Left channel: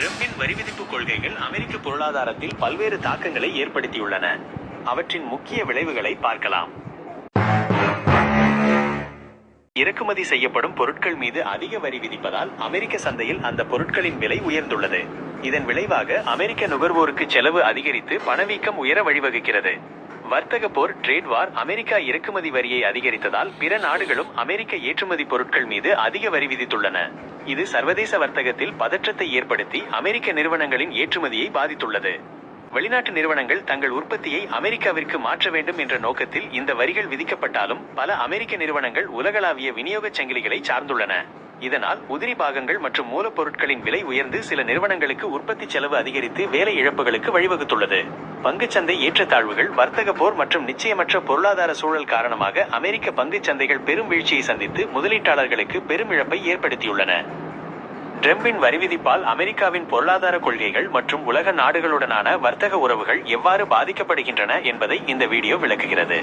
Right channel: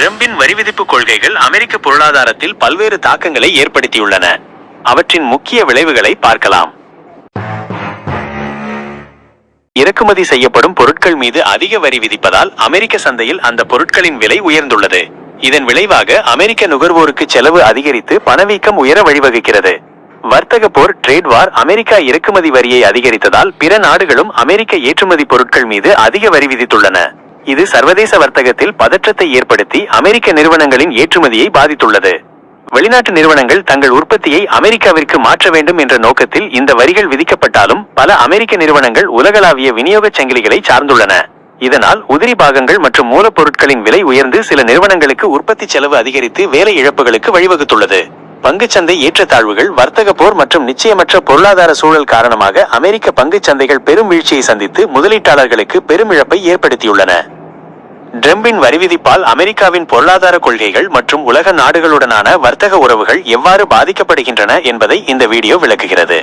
டிரம்பின் வரிவிதிப்பு கொள்கைகள் அமெரிக்க பொருளாதாரத்தில் பல்வேறு தாக்கங்களை ஏற்படுத்தியுள்ளன. அவற்றின் முக்கிய விளைவுகளை பார்க்கலாம். இறக்குமதி செய்யப்படும் பொருட்கள் மீது அதிக வரி விதிப்பதால் அமெரிக்க சந்தையில் அந்த பொருட்களின் விலை உயர்ந்துள்ளது. இதன் விளைவாக அமெரிக்க நுகர்வோருக்கு செலவு அதிகரித்து பணவீக்கம் உயர வழிவகுக்கிறது. வர்த்தக போர் ட்ரேட் வார் அமெரிக்கா இறக்குமதி வரியை அதிகரித்ததால் பிற நாடுகளும் அமெரிக்க ஏற்றுமதி பொருட்கள் மீது அதிக வரி விதித்துள்ளன. இது சர்வதேச வர்த்தகத்தில் பதற்றத்தை ஏற்படுத்தி அமெரிக்க நிறுவனங்களின் ஏற்றுமதியை பாதித்துள்ளது. வெளிநாட்டு நிறுவனங்கள் தங்கள் உற்பத்தியை அமெரிக்காவிற்கு மாற்ற வேண்டும் என்ற நோக்கத்தில் இந்த வரிகள் விதிக்கப்பட்டாலும் பல அமெரிக்க நிறுவனங்கள் உலகளாவிய விநியோகச் சங்கிலிகளை சார்ந்துள்ளன. இதனால் உதிரி பாகங்கள் மற்றும் மூலப்பொருட்களின் விலை உயர்ந்து சில நிறுவனங்களுக்கு உற்பத்தி செலவு அதிகரித்து வேலை இழப்புகளுக்கு வழிவகுத்துள்ளது. பங்குச்சந்தை ஏற்றத்தாழ்வுகள் வர்த்தக போர் மற்றும் நிச்சயமற்ற பொருளாதார சூழல் காரணமாக அமெரிக்க பங்குச் சந்தைகள் பெரும் வீழ்ச்சியை சந்தித்து முதலீட்டாளர்களுக்கு பெரும் இழப்பை ஏற்படுத்தியுள்ளன. டிரம்பின் வரிவிதிப்பால் அமெரிக்காவின் பொருளாதார கொள்கைகள் மற்றும் உலக நாடுகளுடனான வர்த்தக உறவுகள் எவ்வாறு பாதிக்கப்படுகின்றன என்பதை இந்த வீடியோ விளக்குகிறது.